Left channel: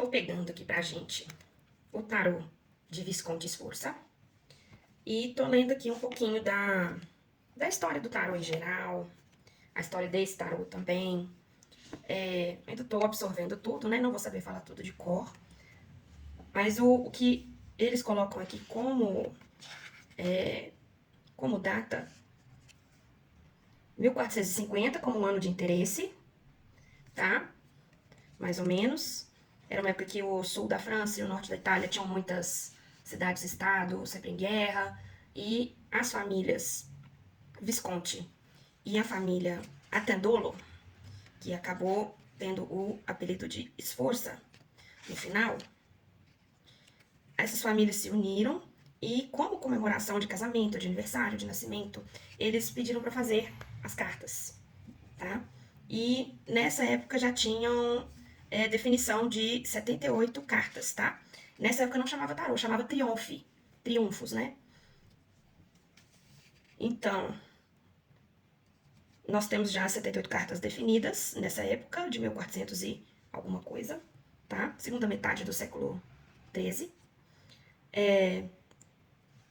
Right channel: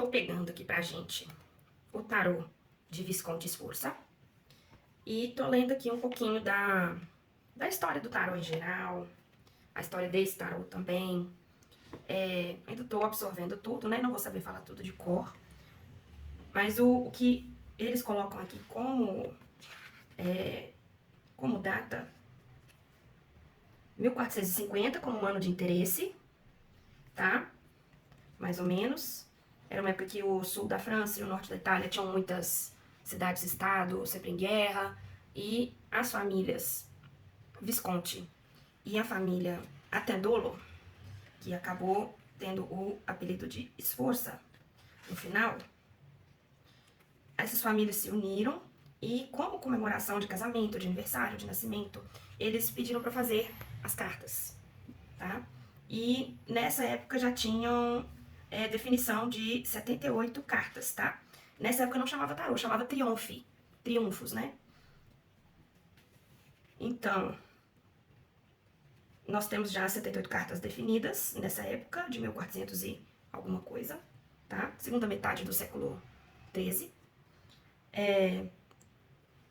Estou pegando aqui pra gente o tarô de Visconti Sforza e tô lendo aqui um pouquinho da história do tarô em geral, a história desse tarô também. Ainda tô absorvendo tudo, né? Não vou saber falar tudo de cor, mas o que eles colocam aqui como data 1450 como um ano de interesse, tá? Mais ou menos. Era uma época que o sul da França e o norte da Itália tinham muitas cidades-estado, sempre em guerra, e as famílias Visconti e a família Attendolo, que acabou tendo o apelido de Sforza no final, essas famílias se uniram e, como comemoração de casamento, de aniversário, de nascimento, eles pediram para fazer as cartas, tá? E nessa época já tinham definição de 78 cartas, tá? Nessa época não chamava tarô, chamava triunfos, né? Então, nós temos já 78 cartas definidas nessa época, de 1400 e alguma coisa, tá? Segunda metade do século XIII.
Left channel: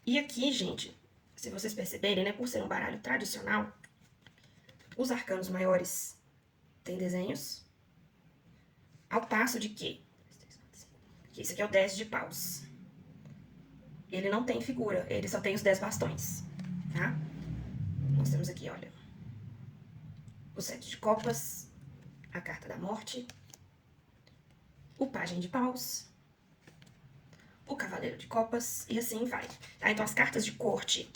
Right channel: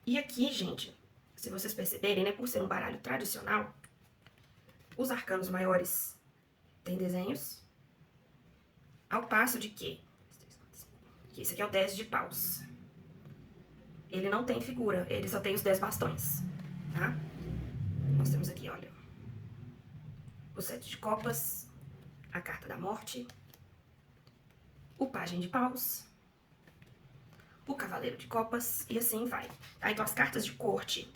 E aqui, gente, se vocês perceberem, né, por ser um baralho tradicional, os arcanos maiores têm desenhos, ao passo de que esse aqui é o 10 de paus. Ele não tem figura, ele só tem os 10 bastões, tá? Nós temos aqui, olha, o 7 de copas, a carta da morte, o pajem de paus, o cavaleiro de copas e assim vai. Tá? Então, as cartas de corte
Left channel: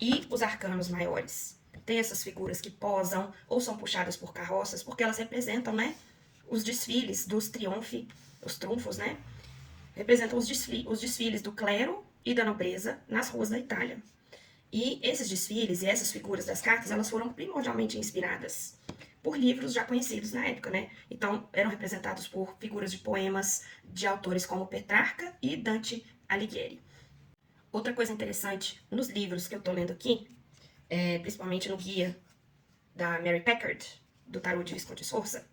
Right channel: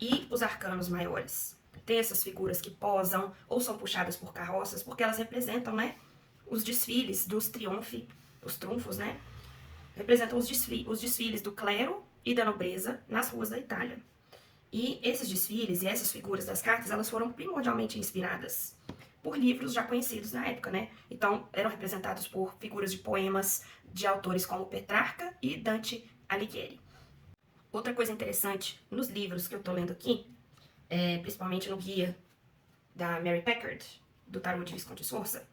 e os arcanos maiores têm essas figuras que posam ou são puxadas por carroças, porque elas representam, né, os desfiles dos os trunfos, né? Representam os desfiles do clero e da nobreza nas ruas da Itália. E esses desfiles e essas figuras das cartas, elas foram primordialmente inspiradas por livros já conhecidos na época, né? Então, eram representados por figuras de poemas de autores como Petrarca e Dante Alighieri. Outra coisa interessante nos livros que eu tô lendo aqui, principalmente no guia da Mary Packard, do Tarot de Visconti Sforza,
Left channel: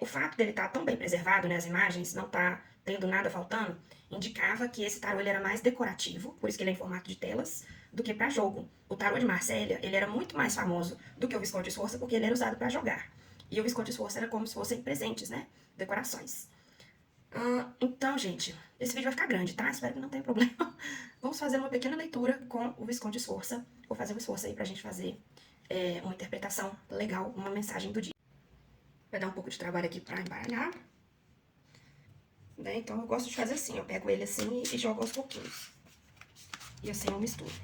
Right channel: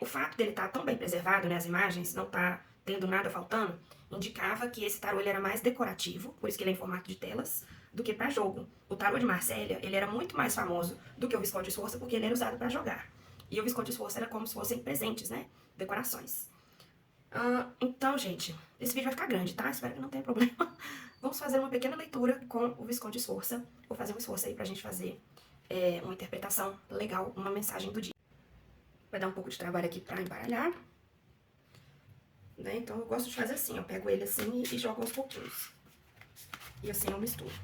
o fato dele estar tão bem preservado, né, as imagens, não tá tendo nada faltando, indicava que esse tarô ele era mais decorativo, por isso que ele é em formato de telas, do que para jogo. O tarô de Marsella, ele era muito mais famoso do que o Visconti Sforza, porque ele era usado para jogar. E o Visconti Sforza era como se fossem presentes, né, decorações. Então, gente, esse vídeo vai ficar grande, tá? Espero que não tenha problema. Vamos fazer uma pequena leitura com o Visconti Sforza. Vou fazer um esforço aí pra gente fazer uma interpretação legal, uma mensagem do dia. Vai dar um pouco de trabalho aqui pra embaralhar. Né? Então, eu gosto de fazer assim. Eu pego ele assim e jogo aos pouquinhos. E assim eu misturo.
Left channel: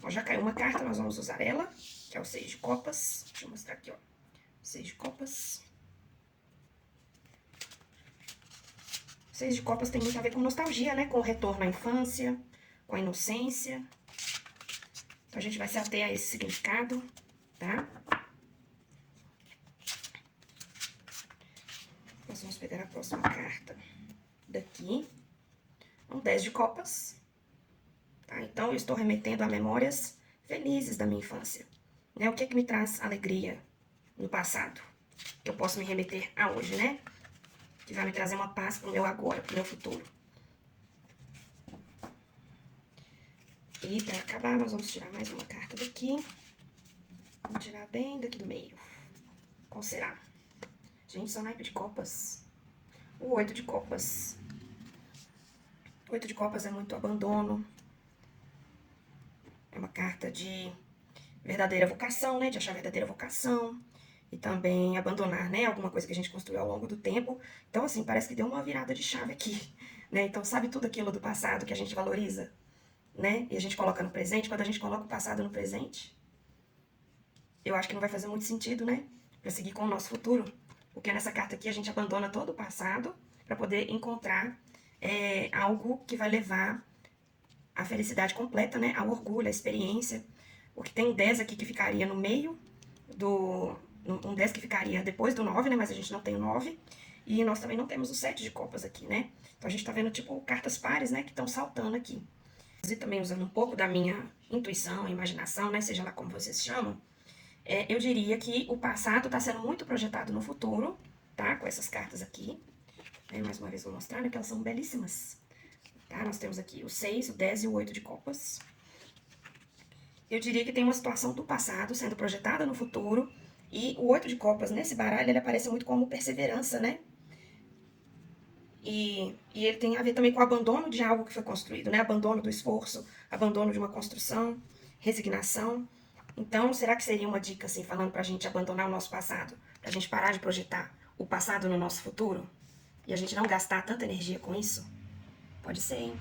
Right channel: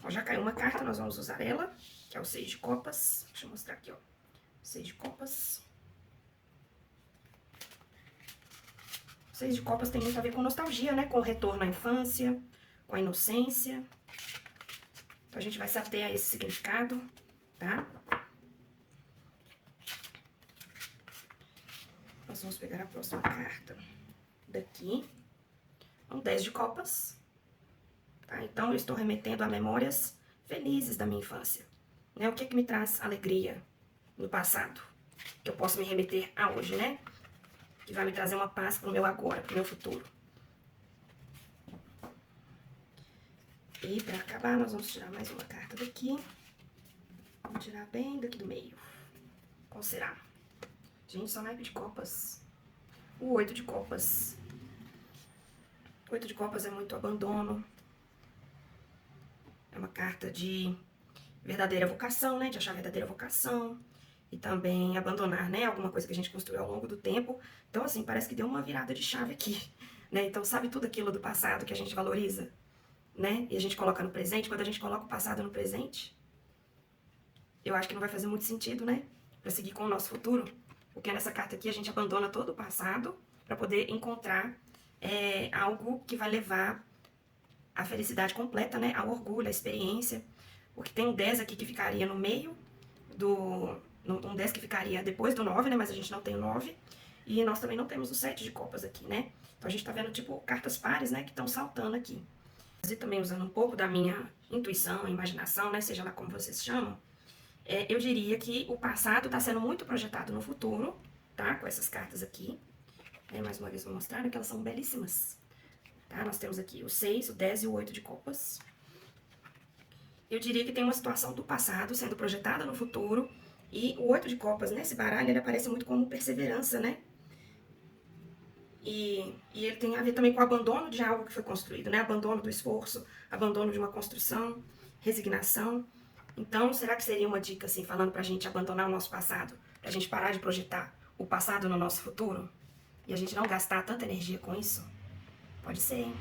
Ó, já caiu uma carta, nós vamos usar ela, que é o 6 de copas. Deixa eu mostrar aqui, ó. 6 de copas. 6 de copas tem muito a ver com nostalgia, né? Com o retorno à infância, com a inocência. Então, a gente vai se ater a esse significado, tá? Nós vamos pegar a próxima carta daqui. Um 10 de copas. Tá? Então, eu estou remetendo a memórias felizes da minha infância. Né? O que é que me traz alegria no passado? Que eu posso me remeter a hoje, né? Que vai me trazer uma paz pro meu agora, pro meu futuro. E pra acabar, nós vamos tirar mais uma carta daqui. Vamos tirar bem daqui do meio. Qual será? Gente, são naipe de copas. O 8 de copas. O 8 de copas é muito abandono. É uma carta de verdadeira vocação, né? De achar verdadeira vocação. E também abandonar, né? Alguma coisa que a gente construiu ao longo do tempo. Então, assim, parece que deu uma virada de chave aqui, né? Então, sabe tudo aquilo do passado que a gente valoriza, né? E a gente coloca no presente. Quando a gente coloca o passado no presente, eu acho que não vai fazer muito sentido, né? Pra seguir com o nosso futuro. Porque nessa carta aqui a gente abandona todo o passado pra poder encontrar algo que vai levar a felicidade completa, né? Ao orgulho, à experiência. Porque tem um 10 aqui que ficaria no meio do... Um 10 que ficaria depois do 9, né? Mas a gente não tem o 9. E nós também não temos o 7 de copas aqui, né? Então a gente tá vendo, tipo, cartas pares, né? Que estão saltando aqui. E também usando um pouco da minha intuição, imaginação, né? Seja lá como vocês chamam. Eu diria que o passado tá sendo muito projetado no futuro, tá? Com essas cartas aqui. Mais uma vez vou mostrar, que elas são belíssimas. Tá? Nós temos aqui o 6, o 10 e o 8 de copas. Eu diria que tem uma situação do passado sendo projetada no futuro. E o 8 de copas, nesse baralho, ele aparece muito como perseverança, né? E ele tem a ver também com o abandono de algo que foi construído, né? Abandono do esforço, abandono de uma construção, resignação. Então, será que seria uma dica, assim, falando pra gente abandonar o nosso passado? Pra gente parar de projetar o passado no nosso futuro? E a gente não gastar tanta energia com isso? Pode ser, hein?